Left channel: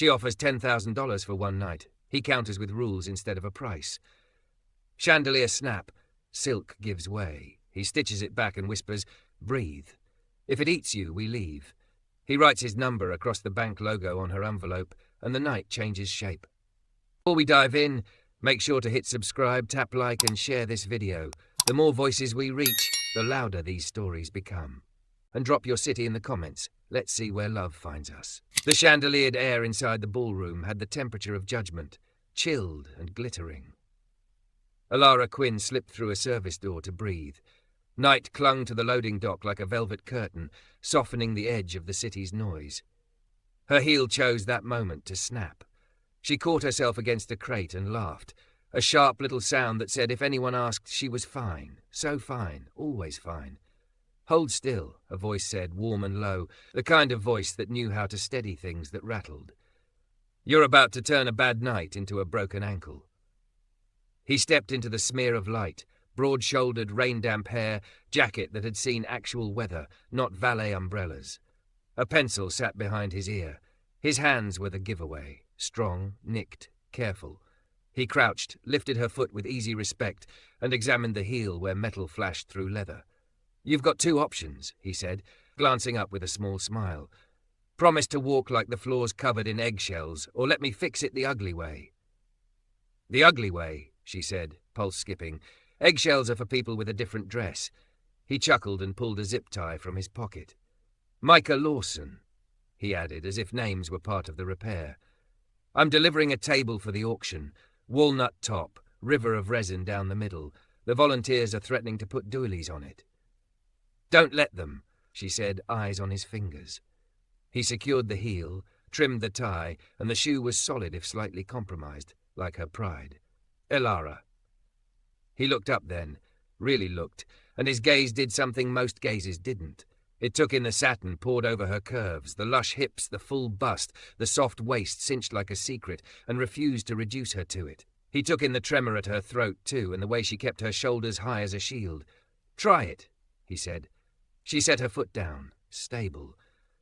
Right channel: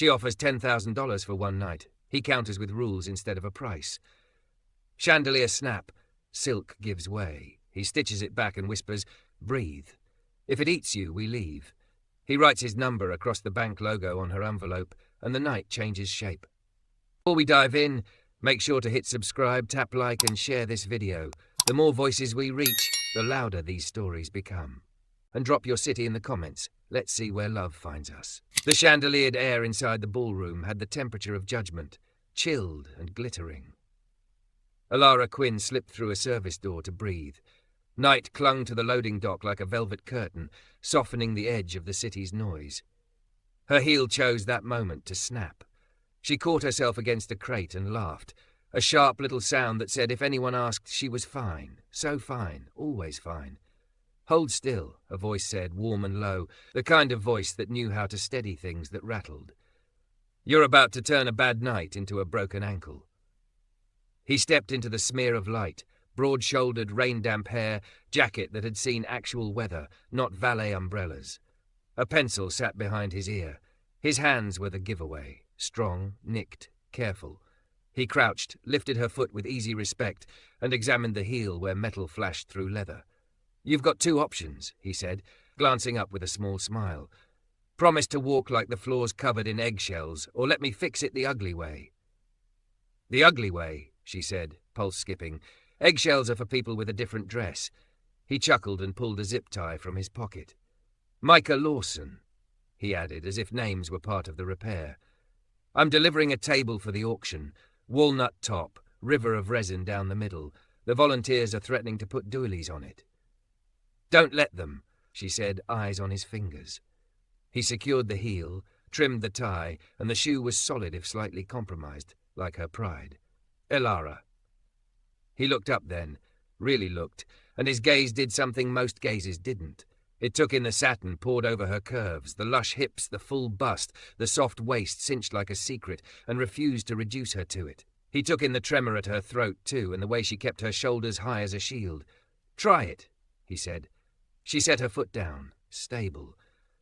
She offers $10,000 for one night. He counters with rules instead of a price. Chandelier snap. Silk gives way. He stitches it back and whispers, "Breathe. If it eats you, we leave." He writes his number across the bank logo on her envelope, and the night changes shape. Before we dive in, make sure to hit subscribe, tap like, and share this video. The more voices we reach, the louder these stories become. And drop your city in the comments. Let's see where love finds us. The chandeliered air inside the ballroom had the temperature of judgment, chilled and glittering. Alara Quinn slipped through a service door to breathe. Night clung to the loading dock like a velvet curtain, softening the edge of the city's noise. Her heel chose that moment to snap. She caught herself against a crate and laughed, a sharp little sound that said if anyone asked, she was fine, so fine, always fine. "Hold still," a voice said, warm and low, the kind of voice that knew how to steady things that rattled. "You're about to turn a bad night into a broken ankle." He stepped into the smear of light, broad-shouldered, rain-damp hair, jacket that had seen actual weather, not valet umbrellas. A pencil sat behind his ear. His hands were the giveaway, strong, nicked, careful. He crouched, lifted her foot with easy respect, and examined the heel where metal flashed through leather. "You've got two options," he said, glancing up with a small smile. "Promise to walk like the floor's covered in eggshells, or let me fix it the ugly way." "The ugly way," she said, pulse skipping. "Eggshells are for people with a different dress." He chuckled and pulled a zip tie from his pocket. "Micah Lawson," he added, as if names were part of the repair. "I'm delivering a table for the auction. Walnut top, river of resin down the middle. The volunteers are threatening to put doilies on it." "Don't let them," she said, eyes on his fingers. He secured the heel, trimmed the tie, and the shoe was solid if slightly compromised, like her pride. "Elara." He looked up then, really looked, and his gaze did something most gazes didn't. It took in the satin poured over her curves, the lush hips, the full bust, the soft waist cinched like a secret, and refused to reduce her to it. He took in the tremor at her throat, too, and the way she kept her shoulders high as a shield. "Try it," he said. She set her foot down, stable.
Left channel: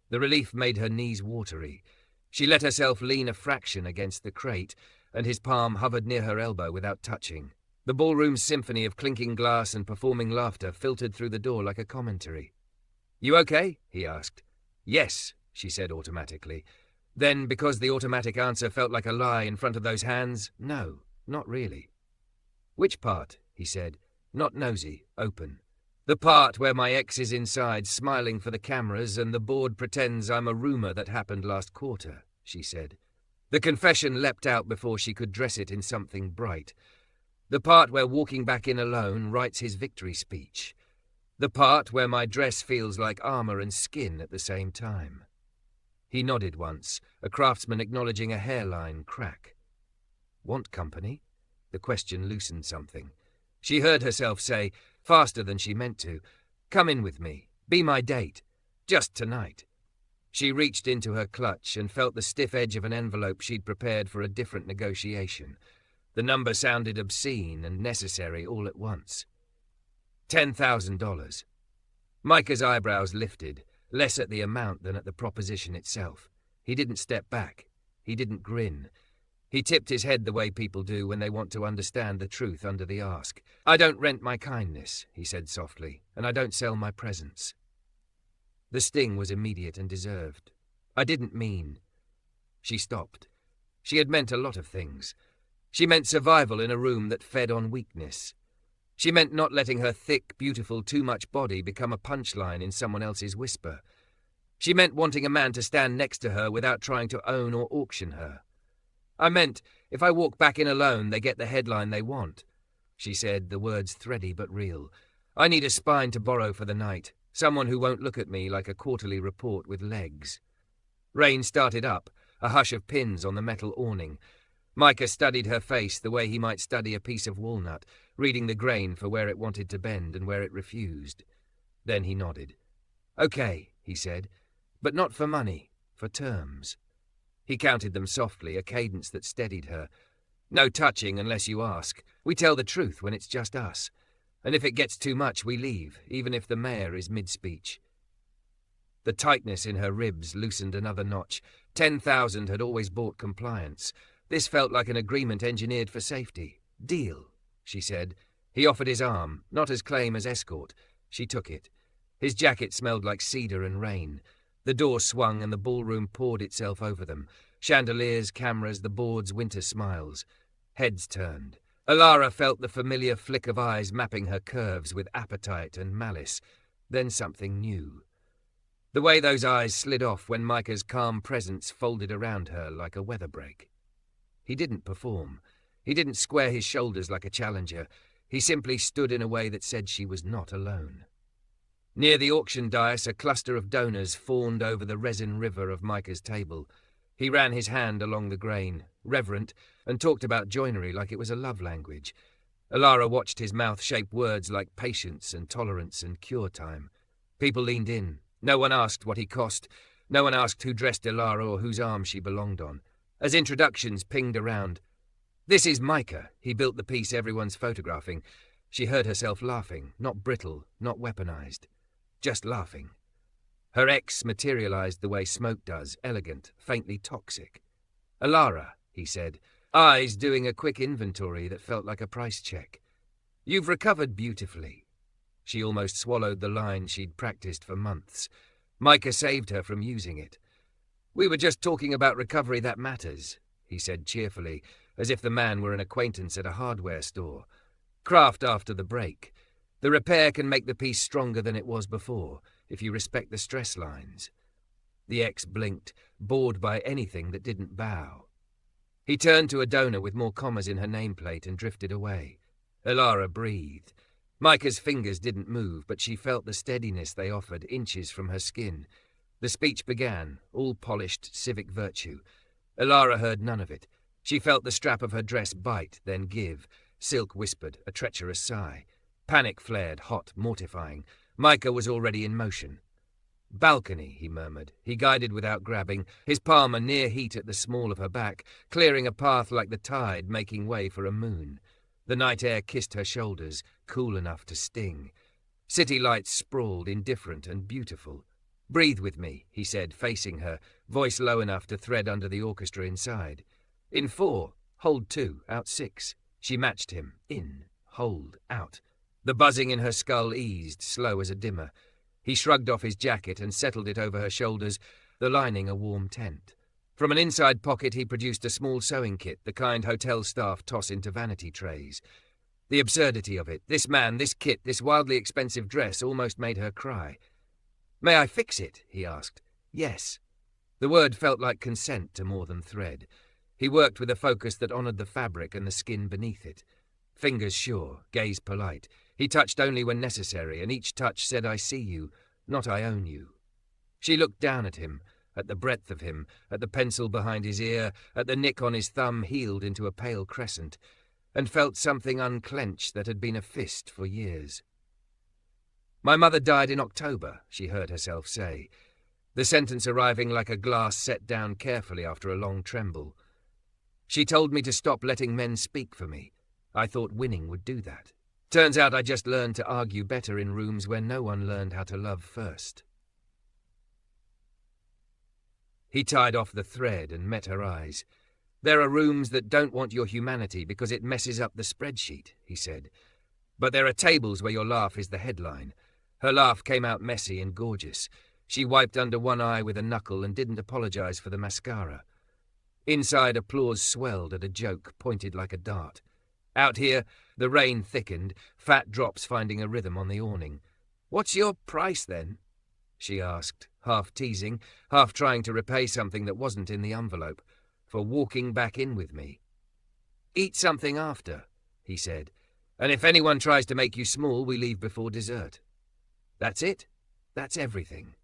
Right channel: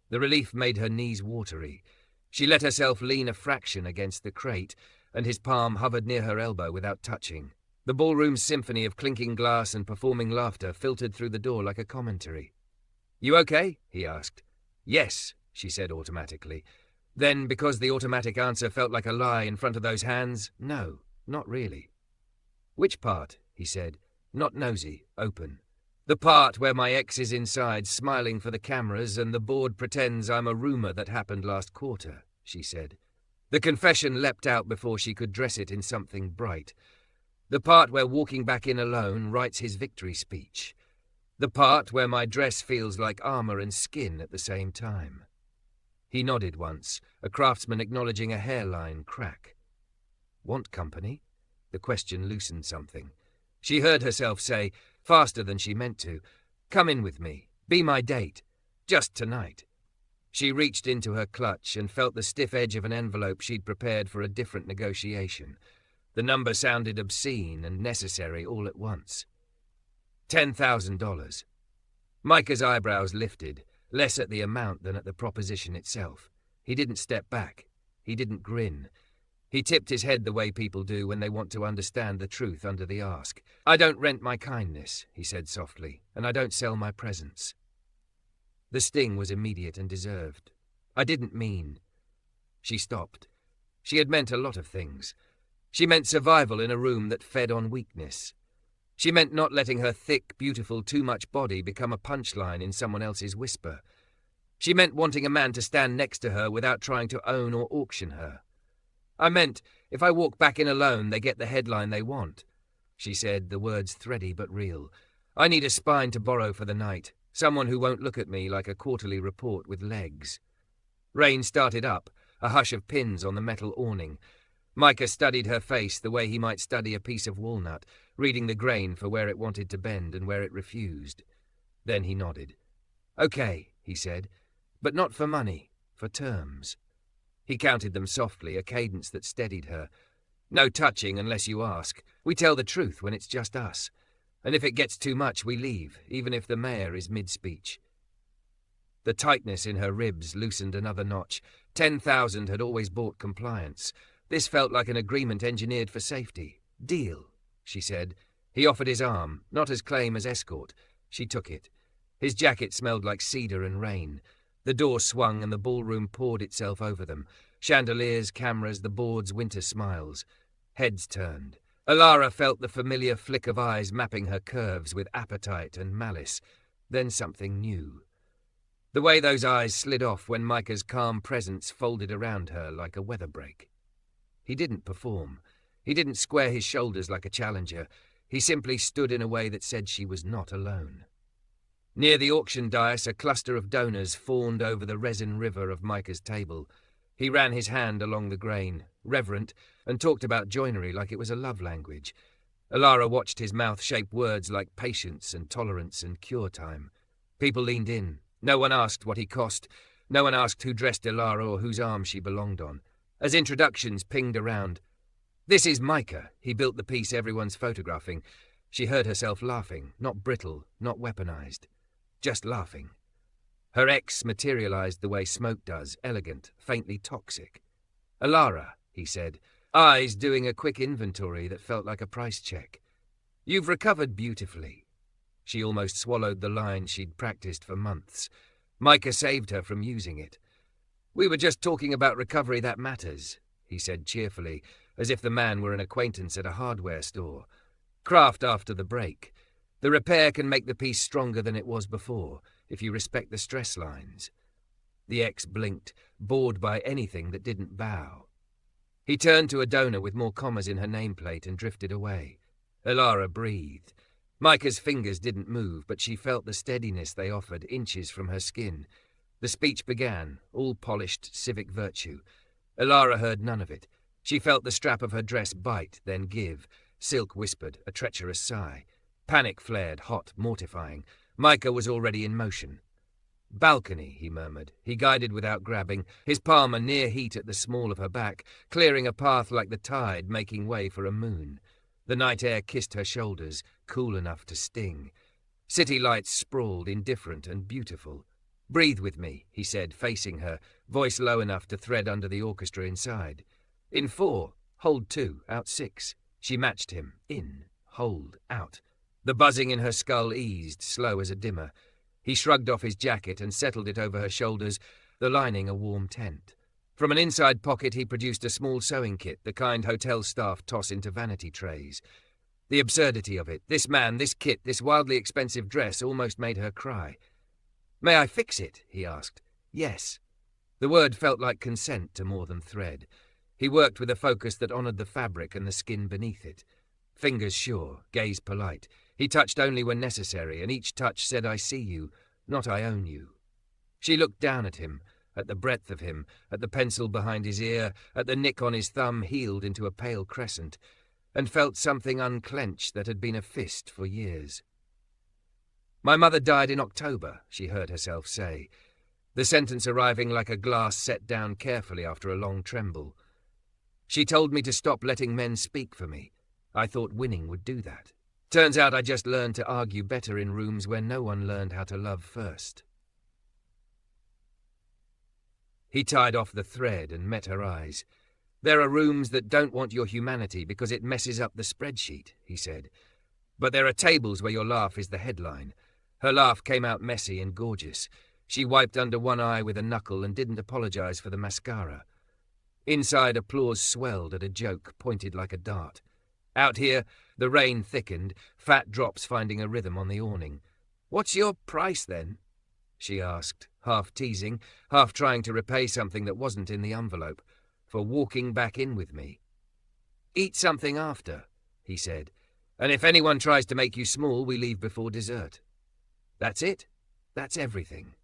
The relief made her knees watery. She let herself lean a fraction against the crate, and his palm hovered near her elbow without touching. The ballroom's symphony of clinking glass and performing laughter filtered through the door like a commentary. "You okay?" he asked. "Yes," she said automatically. Then, because the automatic answer felt like a lie in front of those hands, "No, not really." "Which part?" he said. "Not nosy, open." "The part where my ex is inside, smiling for the cameras, and the board pretends I'm a rumor that happened last quarter," she said. The confession leapt out before she could dress it in something bright. "The part where walking back in alone writes his victory speech. The part where my dress feels like armor and skin at the same time." He nodded once, a craftsman acknowledging a hairline crack. "Want company?" The question loosened something. She heard herself say, faster than she meant to, "Come in with me. Be my date. Just tonight." She reached into her clutch and felt the stiff edge of an envelope she'd prepared for a different negotiation. The number sounded obscene and necessary all at once. $10,000. Micah's eyebrows lifted, less at the amount than at the proposition itself. He didn't step back. He didn't grin. He tipped his head the way people do when they want to understand the truth under the ask. "I don't rent my kindness," he said softly, "and I don't sell my presence." The sting was immediate and deserved. "I didn't mean..." She stopped. She had meant a lot of things. She meant survival in a room that fed on weakness. She meant not letting her thick, beautiful, too-much body become a punchline in someone else's whisper. She meant wanting a man to stand next to her without trying to own or auction her. "I meant, if I walk back in alone, they get the headline they want," she said, the words thready but real. "I need a spine to borrow for the night, someone who won't look at me like a quarterly report with legs." Rain started up, a hush of pins on the metal awning. Micah studied her face the way he might study a piece of walnut, reading the grain for where it wanted to bend and where it refused. Then he nodded. "Okay," he said, "but not for money, for terms." He counted them softly, a cadence that steadied her. "No touching unless you ask. We tell the truth when it's just us. And if it gets too much, we leave, even if the mayor is mid-speech." The tightness in her ribs loosened another notch. 10,000 had always bought compliance. This felt like an agreement engineered for safety. Deal, she said. He offered his arm, not as claim as escort. She took it. His jacket smelled like cedar and rain. The door swung and the ballroom poured itself over them. Chandeliers, cameras, the board's winter smiles. Heads turned. Alara felt the familiar flick of eyes mapping her curves with appetite and malice. Then something new. The way those eyes slid off when Micah's calm presence folded around her like a weather break. He didn't perform. He didn't square his shoulders like a challenger. He simply stood in a way that said she was not alone. Near the auction dais, a cluster of donors fawned over the resin river of Micah's table. He ran his hand along the grain, reverent, and talked about joinery like it was a love language. Alara watched his mouth shape words like patience and tolerance and cure time. People leaned in. No one asked what he cost. No one asked who dressed Alara or whose arm she belonged on. As introductions pinged around. "This is Micah." He built the piece everyone's photographing. She heard herself laughing, not brittle, not weaponized. Just laughing. Her ex materialized the way smoke does, elegant, faintly toxic. "Alara," he said, eyes doing a quick inventory that felt like a price check. "You've recovered beautifully." She almost swallowed the line she'd practiced for months. Micah saved her from using it. "We were just talking about recovery that matters," he said cheerfully, as if the man were an acquaintance at a hardware store. "Craft after the break. The repair can make the piece stronger than it was before, if you respect the stress lines." The ex blinked, bored by anything that didn't bow. He turned to a donor with more commas in her nameplate and drifted away. Alara breathed. Micah's fingers didn't move, but she felt the steadiness they offered inches from her skin. The speech began, all polished civic virtue. Alara heard none of it. She felt the strap of her dress bite, then give. Silk whispered, a treacherous sigh. Panic flared, hot, mortifying. Micah was already in motion. "Balcony," he murmured. He guided without grabbing, his palm a near heat at the small of her back, clearing a path like the tide, making way for a moon. The night air kissed her shoulders, cool enough to sting. City lights sprawled, indifferent and beautiful. "Breathe with me," he said, facing her, voice low enough to thread under the orchestra inside. "In 4, hold 2, out 6. She matched him. In, hold, out. The buzzing in her skull eased, slow as a dimmer. He shrugged off his jacket and settled it over her shoulders, the lining a warm tent. From an inside pocket he produced a small sewing kit, the kind hotel staff toss into vanity trays. The absurdity of it, this man, this kit, this wildly expensive dress, almost made her cry. "May I fix it?" he asked. "Yes." The word felt like consent to more than thread. He worked with a focus that honored the fabric and the skin beneath it. Fingers sure, gaze polite. He touched only when necessary, and each touch said, "I see you, not I own you." She looked down at him, at the breadth of him, at the pencil behind his ear, at the nick on his thumb healed into a pale crescent, and felt something unclench that had been a fist for years. "My mother died in October," she heard herself say, the sentence arriving like a glass set down carefully after a long tremble. "She told me to stop letting men speak for me. I thought winning would do that. Turns out I just learned to argue better in rooms where no one learned how to love first." He tied off the thread and met her eyes. "There are rooms that don't want your humanity because it messes up the spreadsheet," he said. "But there are tables where your laugh is the headline." Her laugh came out messy and gorgeous. She wiped under one eye with a knuckle and didn't apologize for the mascara. Inside, applause swelled at a joke pointed like a dart. Out here, the rain thickened, fat drops finding a rhythm on the awning. "What's your price, then?" she asked, half teasing, half trying to repay something that wasn't in the envelope, "for walking back in with me." "Eat something after," he said, "and if anyone tries to make you small, we leave before dessert." "That's it? That's everything."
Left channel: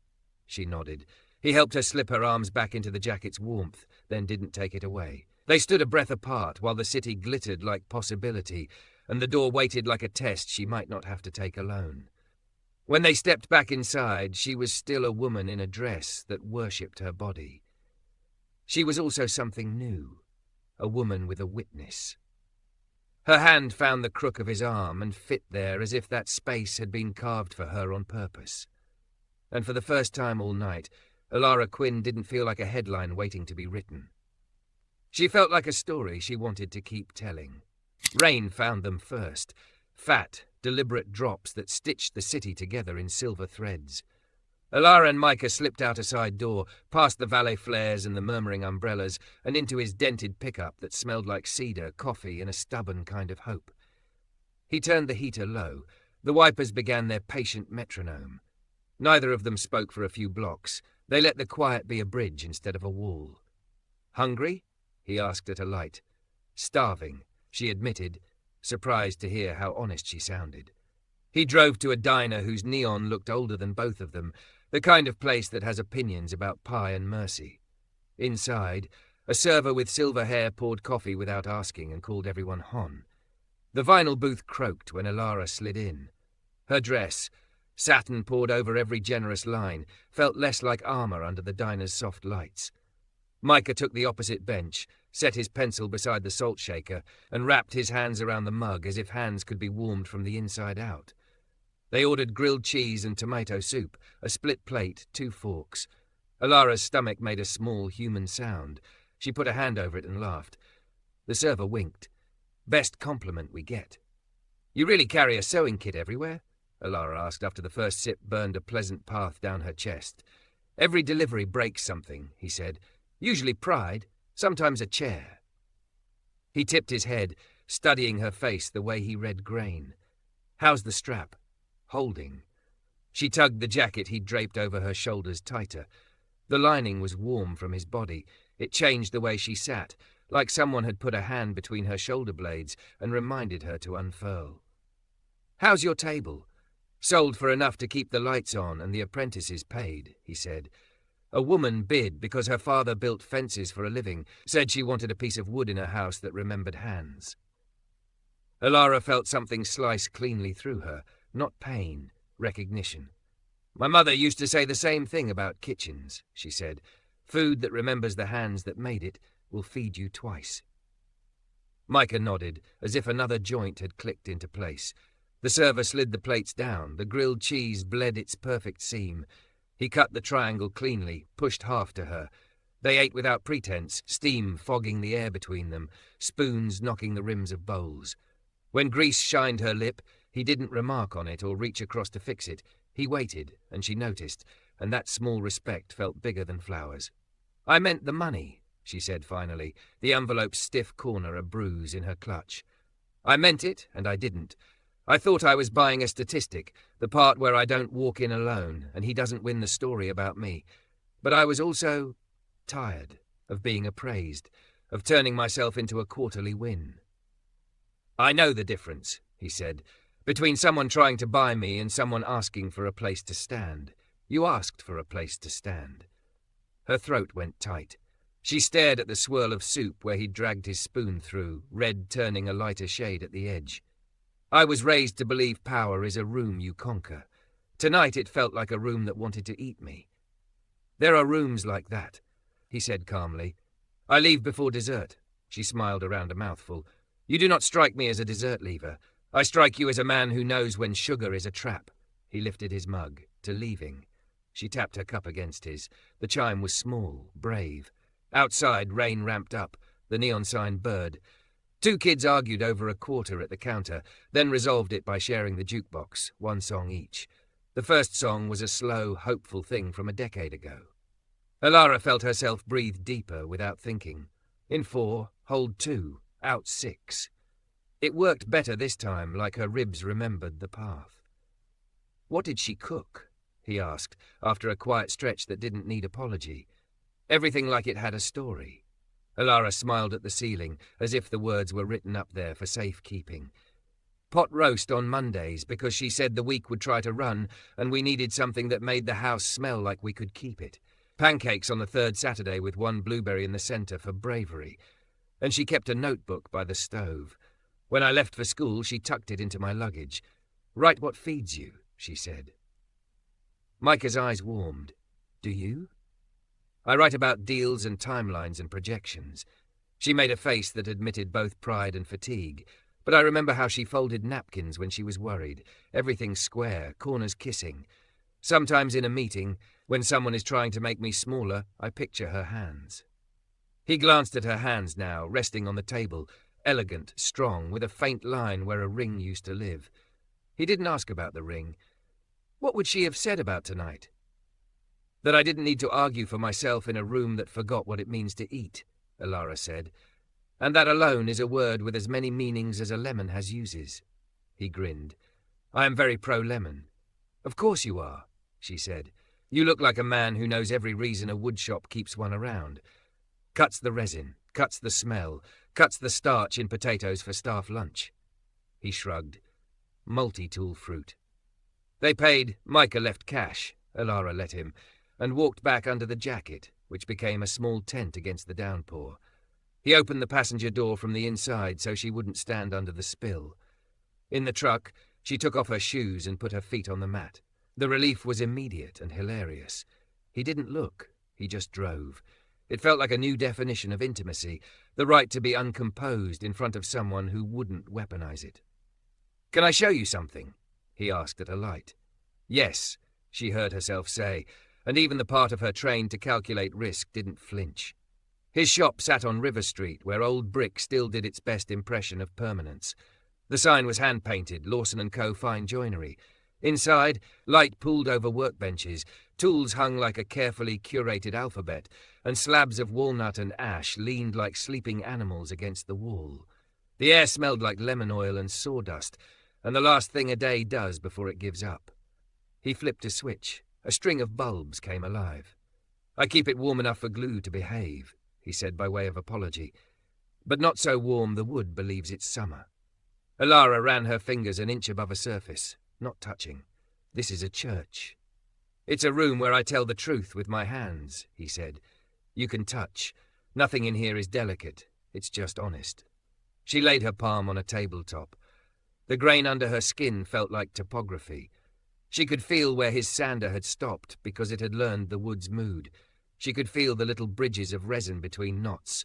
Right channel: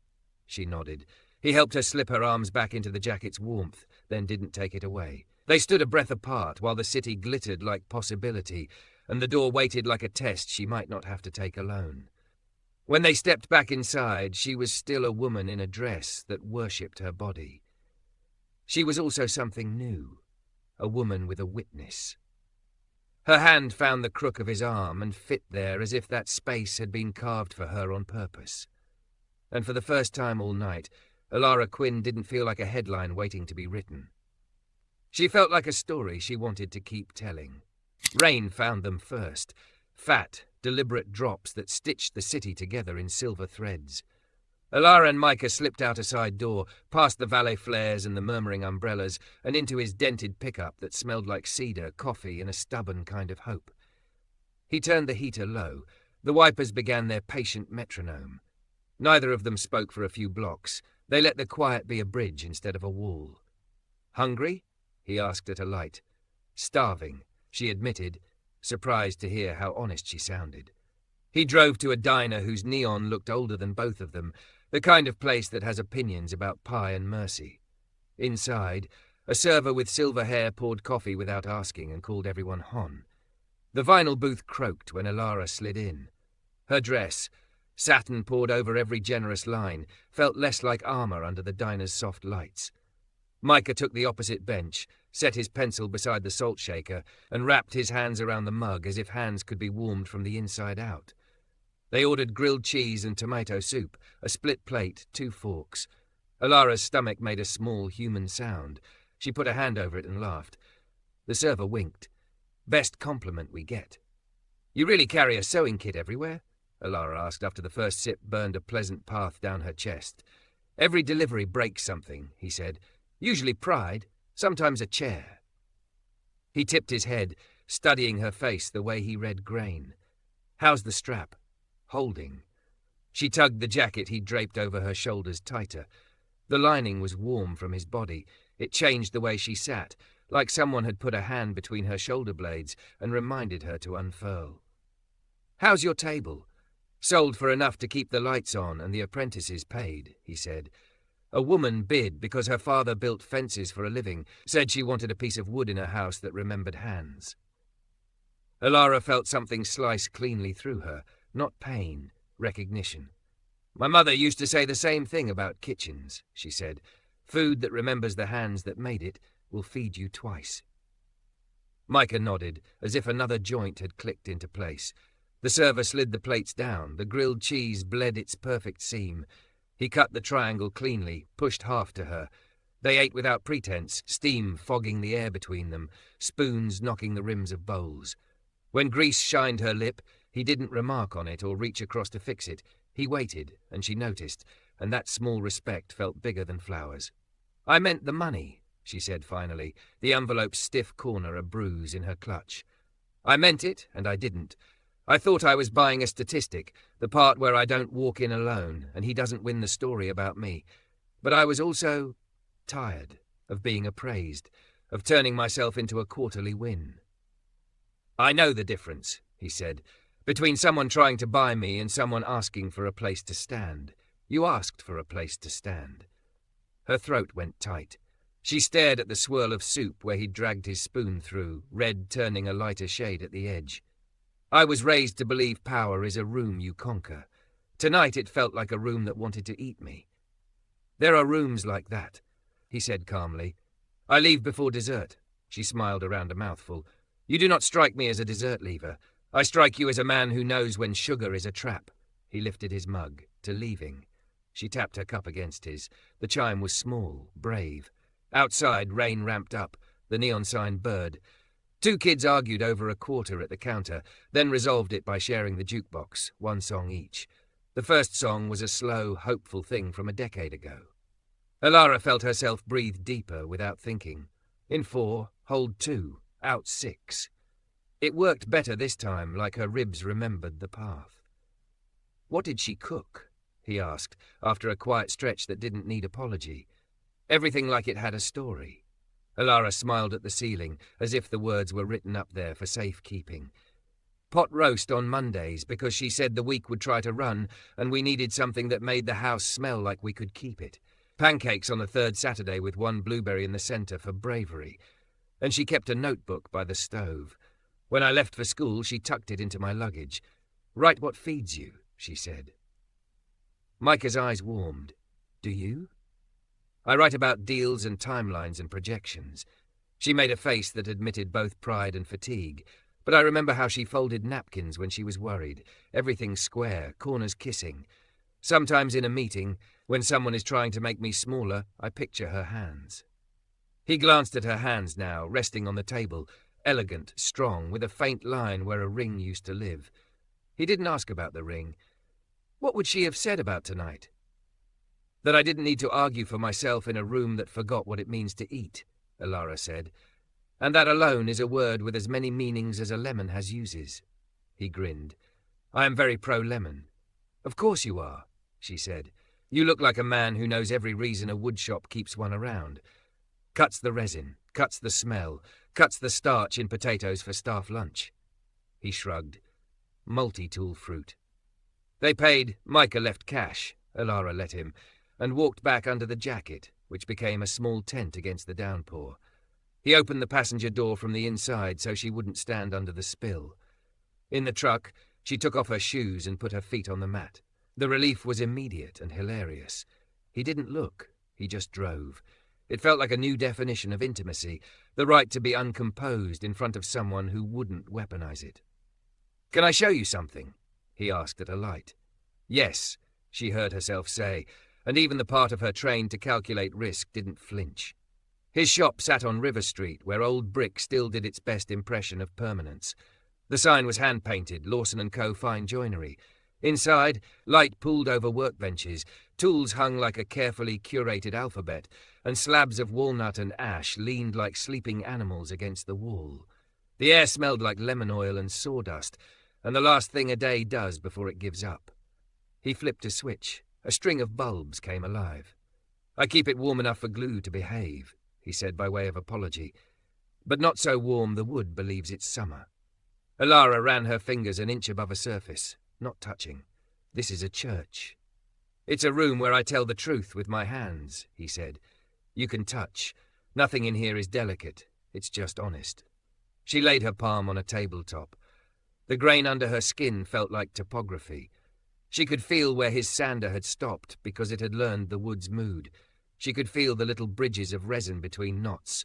She nodded. He helped her slip her arms back into the jacket's warmth, then didn't take it away. They stood a breath apart while the city glittered like possibility, and the door waited like a test she might not have to take alone. When they stepped back inside, she was still a woman in a dress that worshipped her body. She was also something new, a woman with a witness. Her hand found the crook of his arm and fit there as if that space had been carved for her on purpose. And for the first time all night, Alara Quinn didn't feel like a headline waiting to be written. She felt like a story she wanted to keep telling. Rain found them first, fat, deliberate drops that stitched the city together in silver threads. Alara and Micah slipped out a side door, past the valet flares and the murmuring umbrellas, and into his dented pickup that smelled like cedar, coffee, and a stubborn kind of hope. He turned the heater low. The wipers began their patient metronome. Neither of them spoke for a few blocks. They let the quiet be a bridge instead of a wall. "Hungry?" he asked at a light. "Starving," she admitted, surprised to hear how honest she sounded. He drove to a diner whose neon looked older than both of them, the kind of place that has opinions about pie and mercy. Inside, a server with silver hair poured coffee without asking and called everyone Hon. The vinyl booth croaked when Alara slid in. Her dress, satin poured over every generous line, felt less like armor under the diner's soft lights. Micah took the opposite bench, set his pencil beside the salt shaker, and wrapped his hands around the mug as if hands could be warmed from the inside out. They ordered grilled cheese and tomato soup, a split plate, 2 forks. Alara's stomach made a small human sound. She put a hand over it and laughed. The server winked. "Best compliment we get." "You really carry a sewing kit everywhere?" Alara asked after the first sip burned a pleasant path down her chest. "Every delivery breaks something," he said. "Usually pride, sometimes a chair." He tipped his head, studying her face the way he read grain. "How's the strap?" "Holding." She tugged the jacket he'd draped over her shoulders tighter. The lining was warm from his body. It changed the way she sat, like someone had put a hand between her shoulder blades and reminded her to unfurl. "How's your table?" "Sold for enough to keep the lights on and the apprentices paid," he said. "A woman bid because her father built fences for a living, said she wanted a piece of wood in her house that remembered hands." Alara felt something slice cleanly through her, not pain, recognition. "My mother used to say the same thing about kitchens," she said. "Food that remembers the hands that made it will feed you twice." Micah nodded, as if another joint had clicked into place. The server slid the plates down. The grilled cheese bled its perfect seam. He cut the triangle cleanly, pushed half to her. They ate without pretense, steam fogging the air between them, spoons knocking the rims of bowls. When grease shined her lip, he didn't remark on it or reach across to fix it. He waited, and she noticed, and that small respect felt bigger than flowers. "I meant the money," she said finally, the envelope's stiff corner a bruise in her clutch. "I meant it, and I didn't. I thought I was buying a statistic, the part where I don't walk in alone, and he doesn't win the story about me. But I was also tired of being appraised, of turning myself into a quarterly win." "I know the difference," he said, "between someone trying to buy me and someone asking for a place to stand. You asked for a place to stand." Her throat went tight. She stared at the swirl of soup where he dragged his spoon through, red turning a lighter shade at the edge. "I was raised to believe power is a room you conquer. Tonight it felt like a room that wanted to eat me." "There are rooms like that," he said calmly. "I leave before dessert." She smiled around a mouthful. "You do not strike me as a dessert leaver. I strike you as a man who knows when sugar is a trap." He lifted his mug, to leaving. She tapped her cup against his. The chime was small, brave. Outside, rain ramped up. The neon sign bird. 2 kids argued over a quarter at the counter, then resolved it by sharing the jukebox, 1 song each. The first song was a slow, hopeful thing from a decade ago. Alara felt herself breathe deeper without thinking. In 4, hold 2, out 6. It worked better this time, like her ribs remembered the path. "What did she cook?" he asked, after a quiet stretch that didn't need apology. Everything like it had a story. Alara smiled at the ceiling, as if the words were written up there for safekeeping. "Pot roast on Mondays, because she said the week would try to run, and we needed something that made the house smell like we could keep it. Pancakes on the 3rd Saturday with 1 blueberry in the centre for bravery. And she kept a notebook by the stove. When I left for school, she tucked it into my luggage. 'Write what feeds you,' she said." Micah's eyes warmed. "Do you?" "I write about deals and timelines and projections." She made a face that admitted both pride and fatigue, but I remember how she folded napkins when she was worried, everything square, corners kissing. Sometimes in a meeting, When someone is trying to make me smaller, I picture her hands. He glanced at her hands now, resting on the table, elegant, strong, with a faint line where a ring used to live. He didn't ask about the ring. What would she have said about tonight? That I didn't need to argue for myself in a room that forgot what it means to eat, Alara said. And that alone is a word with as many meanings as a lemon has uses. He grinned. I am very pro-lemon. Of course you are, she said. You look like a man who knows every reason a woodshop keeps one around. Cuts the resin, cuts the smell, cuts the starch in potatoes for staff lunch. He shrugged. Multi-tool fruit. They paid. Micah left cash, Alara let him, and walked back under the jacket, which became a small tent against the downpour. He opened the passenger door from the inside so she wouldn't stand under the spill. In the truck, she took off her shoes and put her feet on the mat. The relief was immediate and hilarious. He didn't look, he just drove. It felt like a new definition of intimacy, the right to be uncomposed in front of someone who wouldn't weaponize it. Can I show you something? He asked at a light. Yes, she heard herself say, and even the part of her trained to calculate risk didn't flinch. His shop sat on River Street, where old brick still did its best impression of permanence. The sign was hand-painted, Lawson & Co. Fine Joinery. Inside, light pooled over workbenches, tools hung like a carefully curated alphabet, and slabs of walnut and ash leaned like sleeping animals against the wall. The air smelled like lemon oil and sawdust, and the last thing a day does before it gives up. He flipped a switch. A string of bulbs came alive. I keep it warm enough for glue to behave, he said by way of apology. But not so warm the wood believes it's summer. Alara ran her fingers an inch above a surface, not touching. This is a church. It's a room where I tell the truth with my hands, he said. You can touch. Nothing in here is delicate. It's just honest. She laid her palm on a tabletop. The grain under her skin felt like topography. She could feel where his sander had stopped because it had learned the wood's mood. She could feel the little bridges of resin between knots.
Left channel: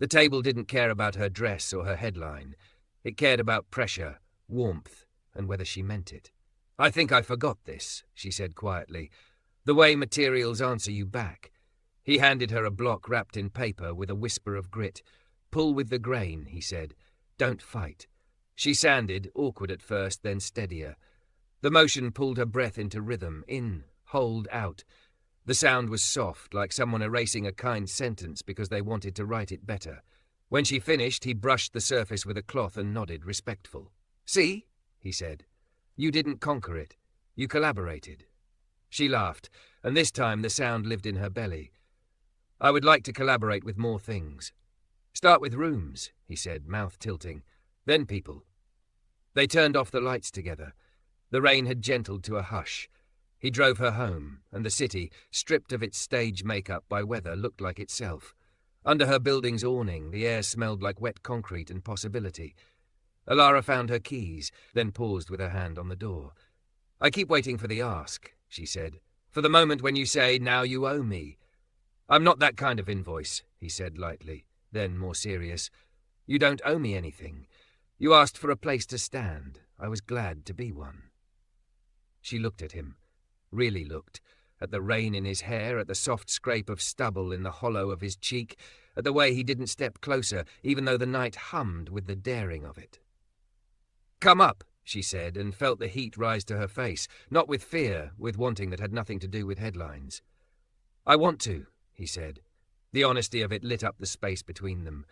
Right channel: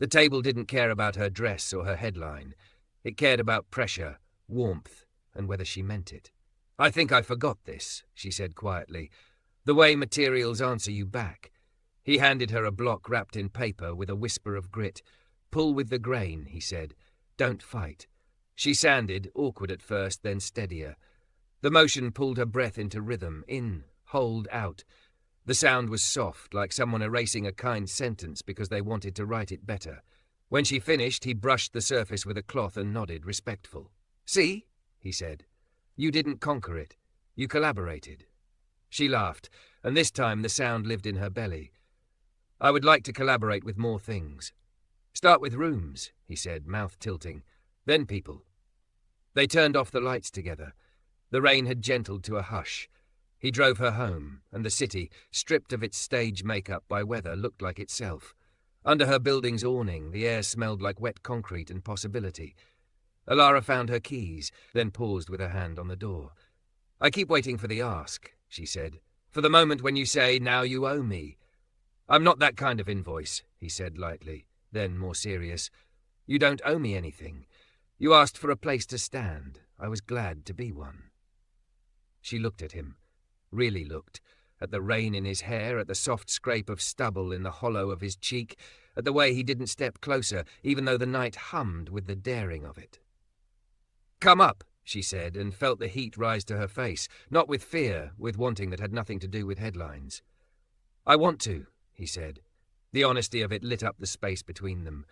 The table didn't care about her dress or her headline. It cared about pressure, warmth, and whether she meant it. I think I forgot this, she said quietly. The way materials answer you back. He handed her a block wrapped in paper with a whisper of grit. Pull with the grain, he said. Don't fight. She sanded, awkward at first, then steadier. The motion pulled her breath into rhythm, in, hold, out. The sound was soft, like someone erasing a kind sentence because they wanted to write it better. When she finished, he brushed the surface with a cloth and nodded, respectful. See, he said. You didn't conquer it. You collaborated. She laughed, and this time the sound lived in her belly. I would like to collaborate with more things. Start with rooms, he said, mouth tilting. Then people. They turned off the lights together. The rain had gentled to a hush. He drove her home, and the city, stripped of its stage makeup by weather, looked like itself. Under her building's awning, the air smelled like wet concrete and possibility. Alara found her keys, then paused with her hand on the door. I keep waiting for the ask, she said. For the moment when you say, now you owe me. I'm not that kind of invoice, he said lightly, then more serious. You don't owe me anything. You asked for a place to stand. I was glad to be one. She looked at him, really looked, at the rain in his hair, at the soft scrape of stubble in the hollow of his cheek, at the way he didn't step closer, even though the night hummed with the daring of it. Come up, she said, and felt the heat rise to her face, not with fear, with wanting that had nothing to do with headlines. I want to, he said. The honesty of it lit up the space between them.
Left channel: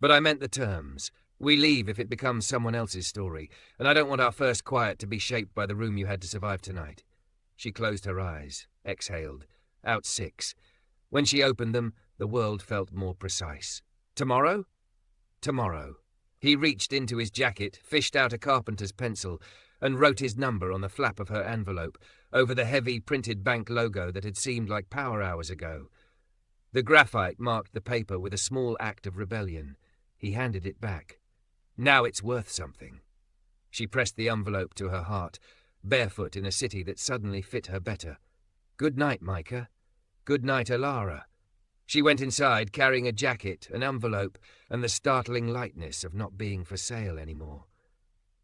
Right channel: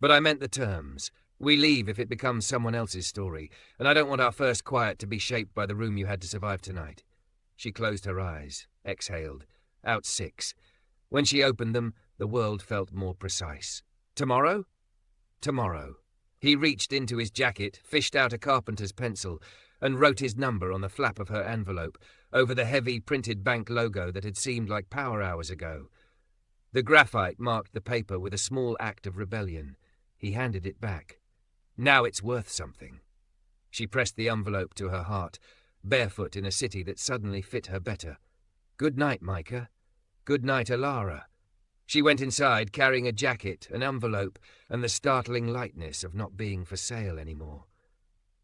But I meant the terms. We leave if it becomes someone else's story, and I don't want our first quiet to be shaped by the room you had to survive tonight. She closed her eyes, exhaled. Out 6. When she opened them, the world felt more precise. Tomorrow? Tomorrow. He reached into his jacket, fished out a carpenter's pencil, and wrote his number on the flap of her envelope, over the heavy printed bank logo that had seemed like power hours ago. The graphite marked the paper with a small act of rebellion. He handed it back. Now it's worth something. She pressed the envelope to her heart, barefoot in a city that suddenly fit her better. Good night, Micah. Good night, Alara. She went inside, carrying a jacket, an envelope, and the startling lightness of not being for sale anymore.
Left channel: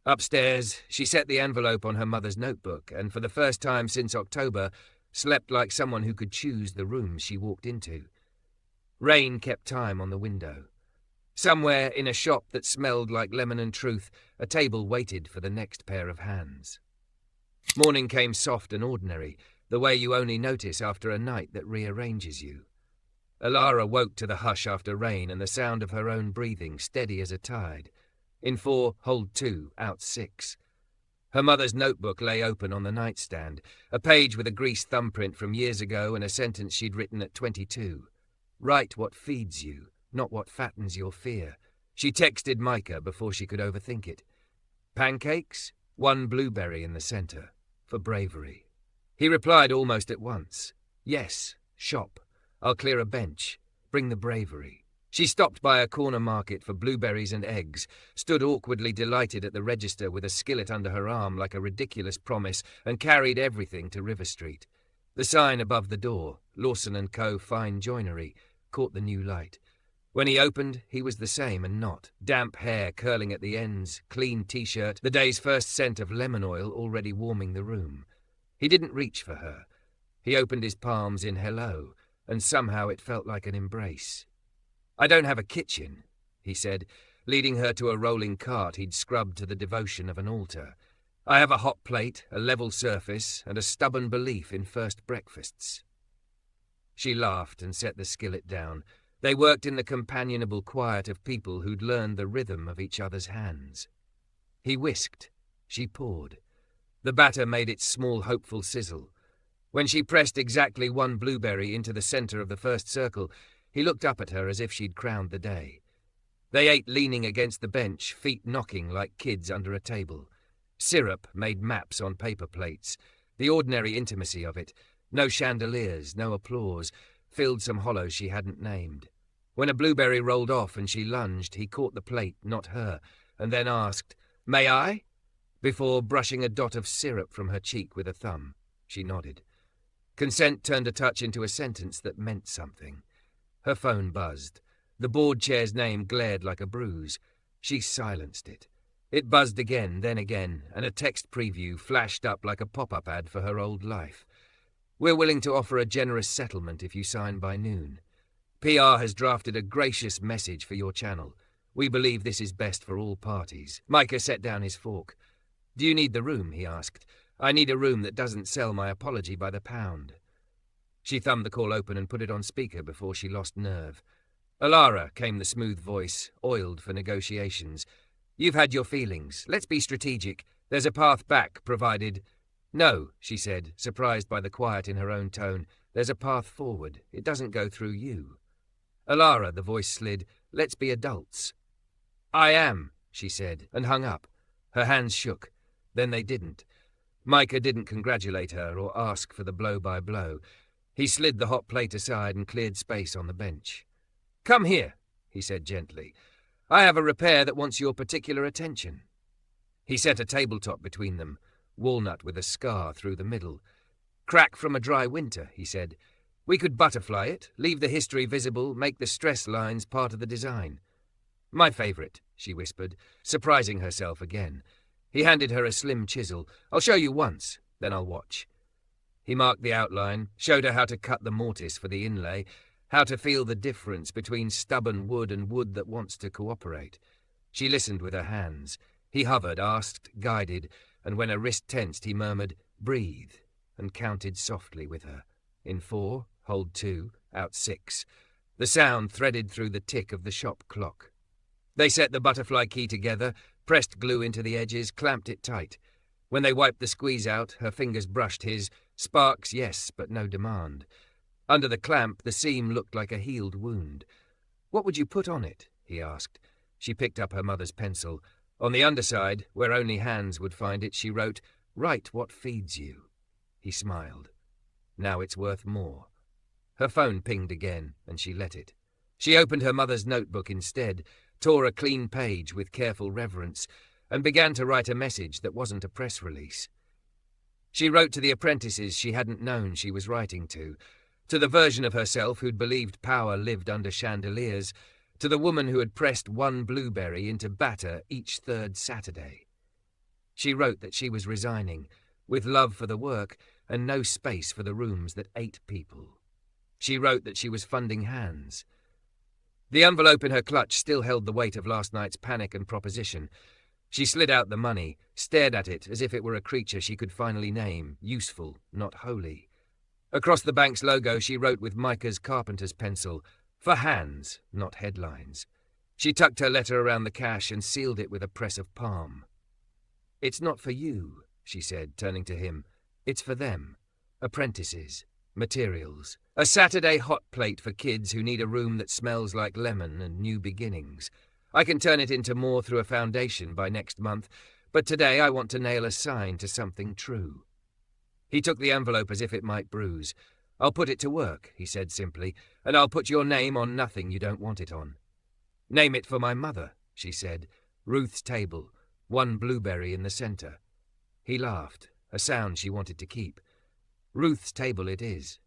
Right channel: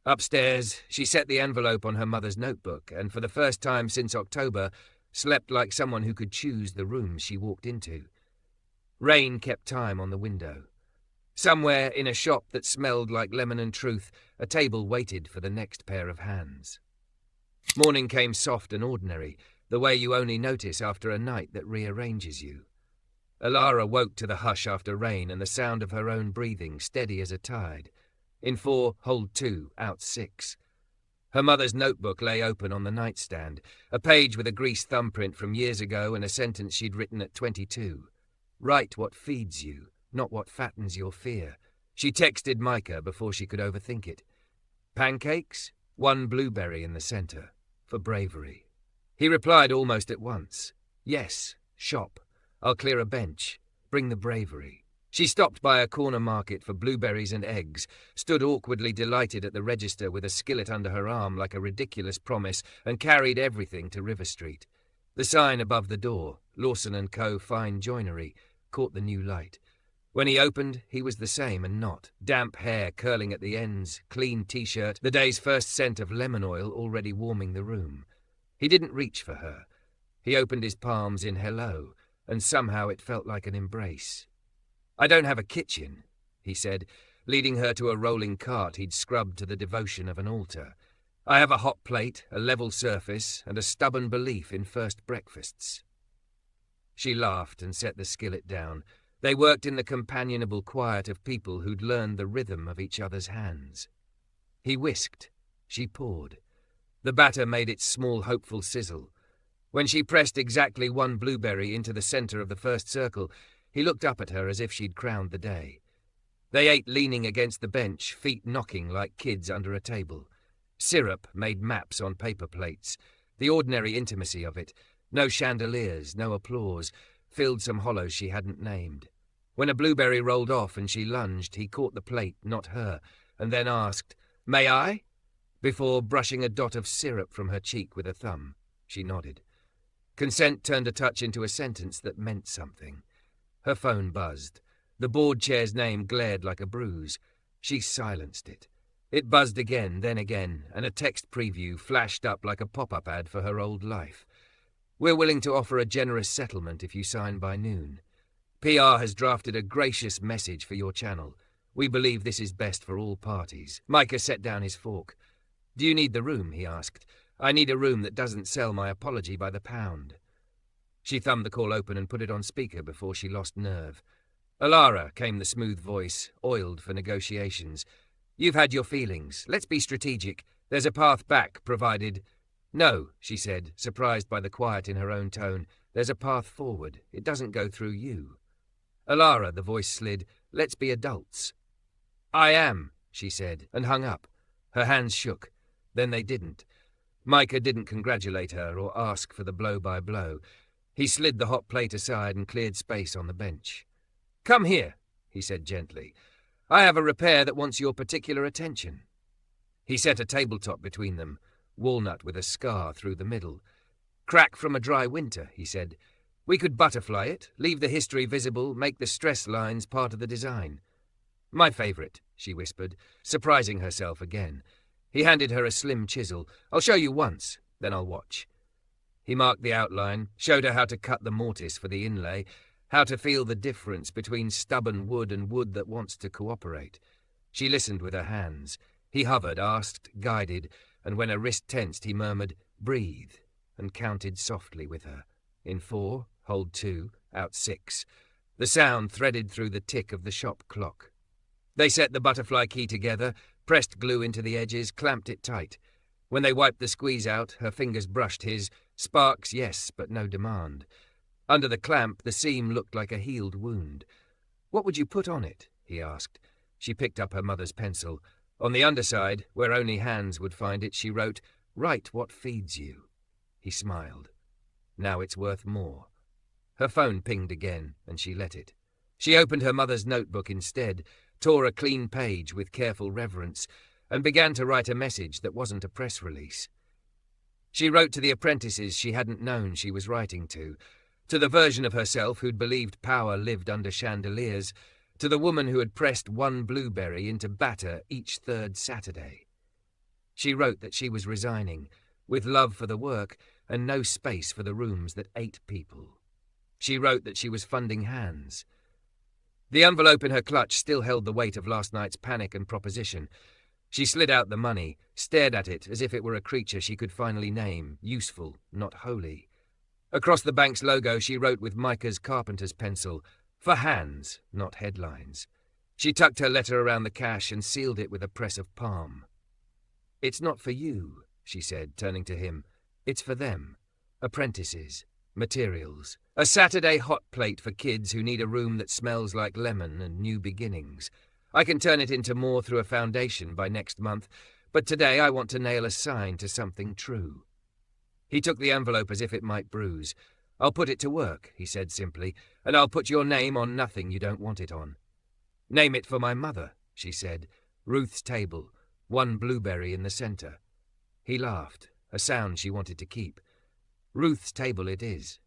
Upstairs, she set the envelope on her mother's notebook, and for the first time since October, slept like someone who could choose the room she walked into. Rain kept time on the window. Somewhere in a shop that smelled like lemon and truth, a table waited for the next pair of hands. Morning came soft and ordinary, the way you only notice after a night that rearranges you. Alara woke to the hush after rain and the sound of her own breathing, steady as a tide. In 4, hold 2, out 6. Her mother's notebook lay open on the nightstand, a page with a greased thumbprint from years ago and a sentence she'd written at 22. Write what feeds you, not what fattens your fear. She texted Micah before she could overthink it. Pancakes, 1 blueberry in the centre, for bravery. He replied almost at once. Yes, shop. I'll clear a bench. Bring the bravery. She stopped by a corner market for blueberries and eggs, stood awkwardly delighted at the register with a skillet under her arm like a ridiculous promise, and carried everything to River Street. The sign above the door, Lawson & Co. Fine Joinery, caught the new light. When he opened, he was the same and not. Damp hair curling at the ends, clean T-shirt, the day's first scent of lemon oil already warming the room. He didn't reach for her. He opened his palms in hello, and somehow it felt like an embrace. I don't have a kitchen, he said, leading her to a rolling cart he'd scrubbed to the devotion of an altar. I have a hot plate, a level surface, and a stubborn belief in first breakfasts. She laughed and set the skillet down. They worked in the companionable quiet of people who'd learned the rhythm of each other's hands. He whisked. She poured. The batter made its small, hopeful sizzle. When she pressed exactly 1 blueberry into the centre of the first circle, he looked up at her as if she'd crowned the day. They ate leaning against the bench, feet knocking like kids under a table. Syrup made maps on paper plates. The ordinary intimacy of it, no chandeliers, no applause, filled some hollows she hadn't named. When a blueberry rolled off and she lunged, he caught the plate, not her, and then asked, "May I?" before brushing a dot of syrup from her cheek with a thumb. She nodded. Consent turned a touch into a sentence that meant something. Her phone buzzed. The board chair's name glared like a bruise. She silenced it. It buzzed again, then again, and a text preview flashed up like a pop-up ad for her old life. We're willing to offer a generous settlement if you sign by noon. PR has drafted a gracious message for your channel. We believe this is best for all parties. Micah set down his fork. Do you need the room? He asked. I need a room that doesn't sell my apology by the pound. She thumbed the call open and put it on speaker before she lost nerve. Alara, came the smooth voice, oiled for negotiations. You've had your feelings. Let's be strategic. There's a path back, provided... No, she said, surprised by the quiet in her own tone. There's a path forward. It doesn't go through you. Alara, the voice slid. Let's be adults. I am, she said, and hung up. Her hands shook. Then they didn't. Micah didn't congratulate her or ask for the blow-by-blow. He slid the hot plate aside and cleared space on the bench. Come here, he said gently. I have a repair that wants your particular attention. He set a tabletop between them, walnut with a scar through the middle. Crack from a dry winter, he said. We could butterfly it, leave the history visible, make the stress lines part of the design. My favourite, she whispered, surprising herself again. He handed her a slim chisel. I'll show you once, then I'll watch. He marked the outline, showed her how to cut the mortise for the inlay, how to feel the difference between stubborn wood and wood that wants to cooperate. She listened with her hands. He hovered, asked, guided, and when her wrist tensed, he murmured, breathe, and counted softly with her. In 4, hold 2, out 6. The sound threaded through the tick of the shop clock. They set the butterfly key together, pressed glue into the edges, clamped it tight. When they wiped the squeeze out, her fingers brushed his. Sparks, yes, but no demand. Under the clamp, the seam looked like a healed wound. What would you put on it? He asked. She picked up her mother's pencil. On the underside, where only hands would find it, she wrote, Write what feeds you. He smiled. Now it's worth more. Her phone pinged again, and she let it. She opened her mother's notebook instead, tore a clean page with careful reverence, and began to write a message that wasn't a press release. She wrote to the apprentices she hadn't known she was writing to the version of herself who'd believed power lived under chandeliers, to the woman who had pressed 1 blueberry into batter each 3rd Saturday. She wrote that she was resigning, with love for the work and no space for the rooms that ate people. She wrote that she was funding hands. The envelope in her clutch still held the weight of last night's panic and proposition. She slid out the money, stared at it as if it were a creature she could finally name, useful, not holy. Across the bank's logo she wrote with Micah's carpenter's pencil, "For hands, not headlines." She tucked her letter around the cash and sealed it with a press of palm. "It's not for you," she said, turning to him. "It's for them. Apprentices. Materials. A Saturday hot plate for kids who need a room that smells like lemon and new beginnings. I can turn it into more through a foundation by next month, but today I want to nail a sign to something true." He took the envelope as if it might bruise. "I'll put it to work," he said simply, "and I'll put your name on nothing you don't want it on." "Name it for my mother," she said. "Ruth's table, one blueberry in the centre." He laughed, a sound she wanted to keep. "Ruth's table it is."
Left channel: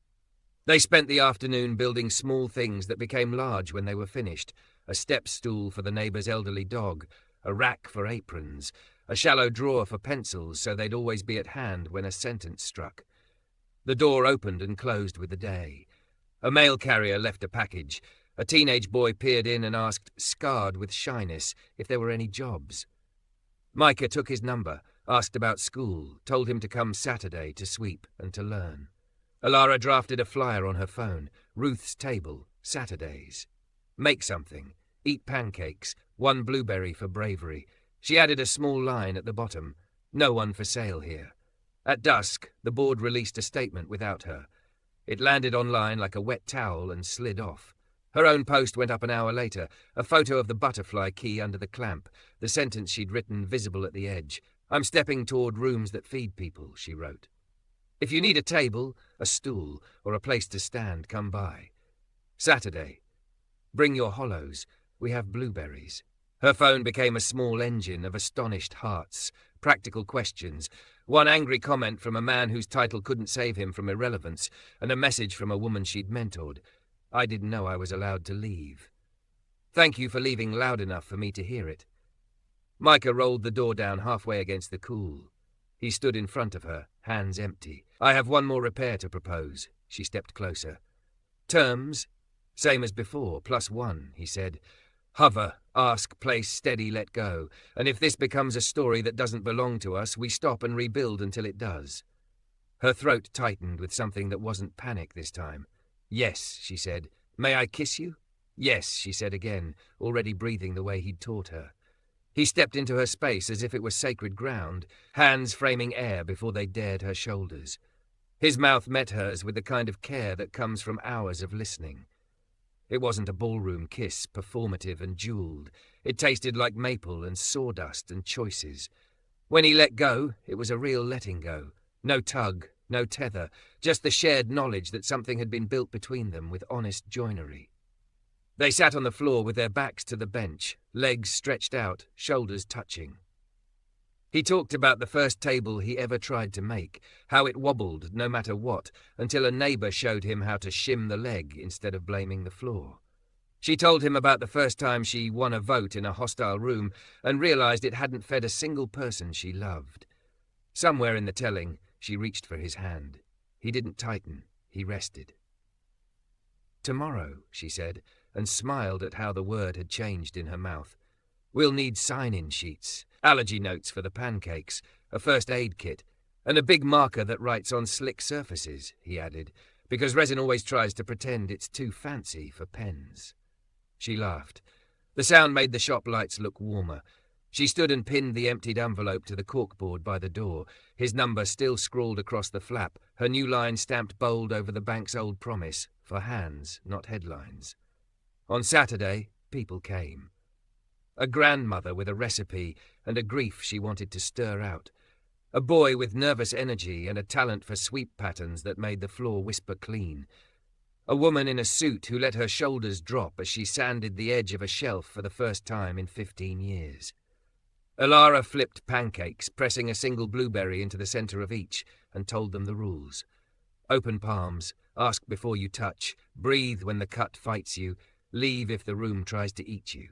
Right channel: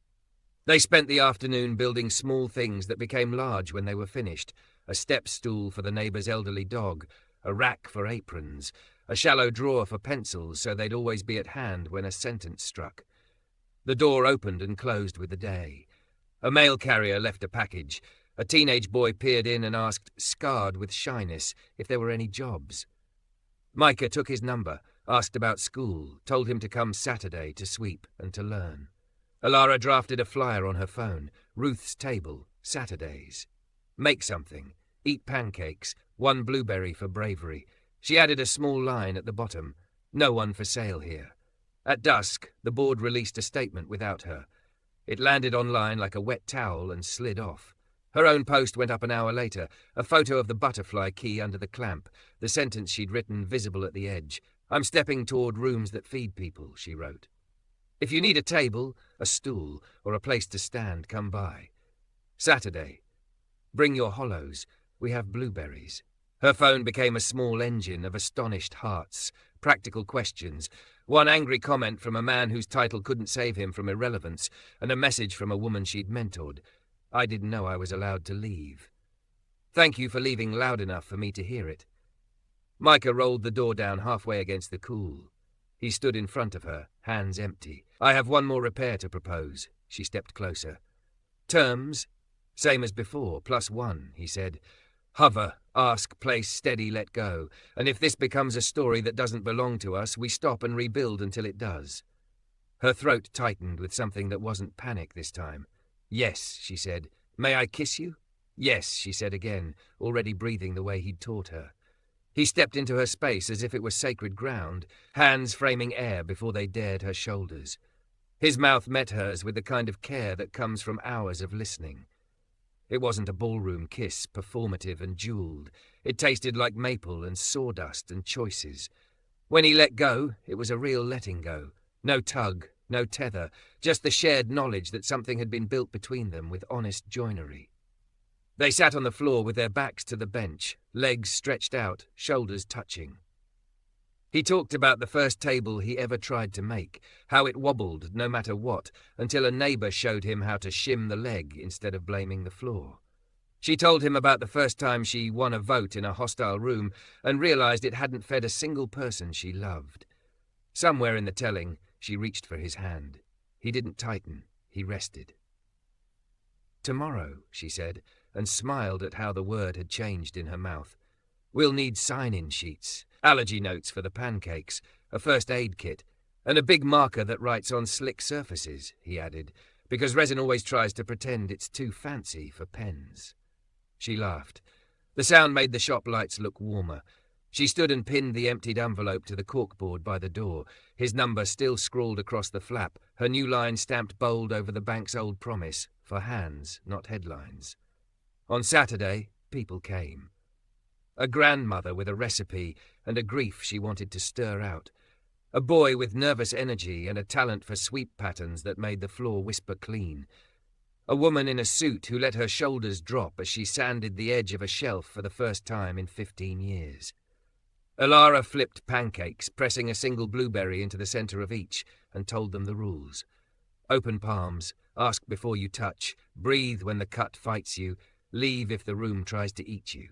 They spent the afternoon building small things that became large when they were finished. A step stool for the neighbour's elderly dog, a rack for aprons, a shallow drawer for pencils so they'd always be at hand when a sentence struck. The door opened and closed with the day. A mail carrier left a package. A teenage boy peered in and asked, scarred with shyness, if there were any jobs. Micah took his number, asked about school, told him to come Saturday to sweep and to learn. Alara drafted a flyer on her phone. Ruth's table, Saturdays. Make something. Eat pancakes. One blueberry for bravery. She added a small line at the bottom. No one for sale here. At dusk, the board released a statement without her. It landed online like a wet towel and slid off. Her own post went up an hour later, a photo of the butterfly key under the clamp, the sentence she'd written visible at the edge. "I'm stepping toward rooms that feed people," she wrote. "If you need a table, a stool, or a place to stand, come by. Saturday. Bring your hollows. We have blueberries." Her phone became a small engine of astonished hearts, practical questions, one angry comment from a man whose title couldn't save him from irrelevance, and a message from a woman she'd mentored. "I didn't know I was allowed to leave. Thank you for leaving loud enough for me to hear it." Micah rolled the door down halfway against the cool. He stood in front of her, hands empty. "I have one more repair to propose." She stepped closer. "Terms? Same as before, +1, he said. "Hover, ask, place, steady, let go. And if this becomes a story that doesn't belong to us, we stop and rebuild until it does." Her throat tightened with something that wasn't panic this time. "Yes," she said. "May I kiss you?" "Yes," she said again, already breathing the way he'd taught her. He stepped into her space as if it was sacred ground, hands framing air before they dared her shoulders. His mouth met hers with the kind of care that comes from hours of listening. It wasn't a ballroom kiss, performative and jeweled. It tasted like maple and sawdust and choices. When he let go, it was a real letting go. No tug, no tether, just the shared knowledge that something had been built between them with honest joinery. They sat on the floor with their backs to the bench, legs stretched out, shoulders touching. He talked about the first table he ever tried to make, how it wobbled no matter what, until a neighbour showed him how to shim the leg instead of blaming the floor. She told him about the first time she won a vote in a hostile room and realised it hadn't fed a single person she loved. Somewhere in the telling, she reached for his hand. He didn't tighten, he rested. "Tomorrow," she said, and smiled at how the word had changed in her mouth. "We'll need sign-in sheets, allergy notes for the pancakes, a first aid kit, and a big marker that writes on slick surfaces," he added, "because resin always tries to pretend it's too fancy for pens." She laughed. The sound made the shop lights look warmer. She stood and pinned the emptied envelope to the corkboard by the door, his number still scrawled across the flap, her new line stamped bold over the bank's old promise, for hands, not headlines. On Saturday, people came. A grandmother with a recipe and a grief she wanted to stir out. A boy with nervous energy and a talent for sweep patterns that made the floor whisper clean. A woman in a suit who let her shoulders drop as she sanded the edge of a shelf for the first time in 15 years. Alara flipped pancakes, pressing a single blueberry into the centre of each, and told them the rules. Open palms, ask before you touch, breathe when the cut fights you, leave if the room tries to eat you.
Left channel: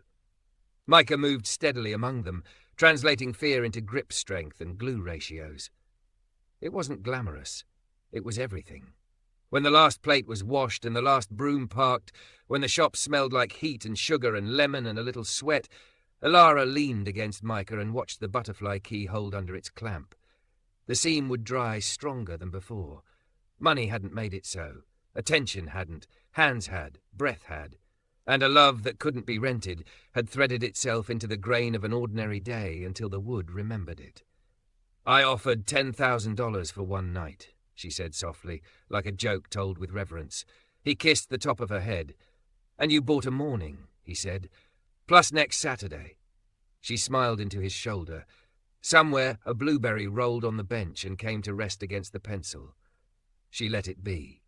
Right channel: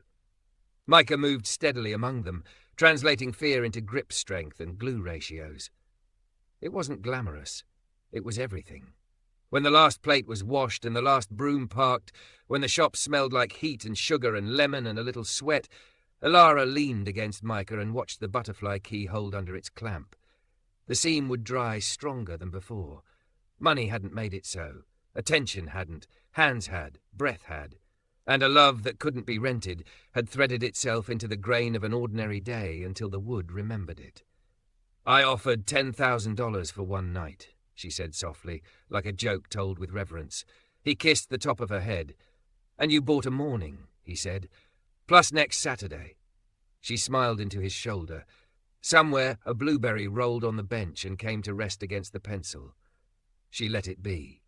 Micah moved steadily among them, translating fear into grip strength and glue ratios. It wasn't glamorous. It was everything. When the last plate was washed and the last broom parked, when the shop smelled like heat and sugar and lemon and a little sweat, Alara leaned against Micah and watched the butterfly key hold under its clamp. The seam would dry stronger than before. Money hadn't made it so. Attention hadn't. Hands had. Breath had. And a love that couldn't be rented had threaded itself into the grain of an ordinary day until the wood remembered it. "I offered $10,000 for one night," she said softly, like a joke told with reverence. He kissed the top of her head. "And you bought a morning," he said, "plus next Saturday." She smiled into his shoulder. Somewhere a blueberry rolled on the bench and came to rest against the pencil. She let it be.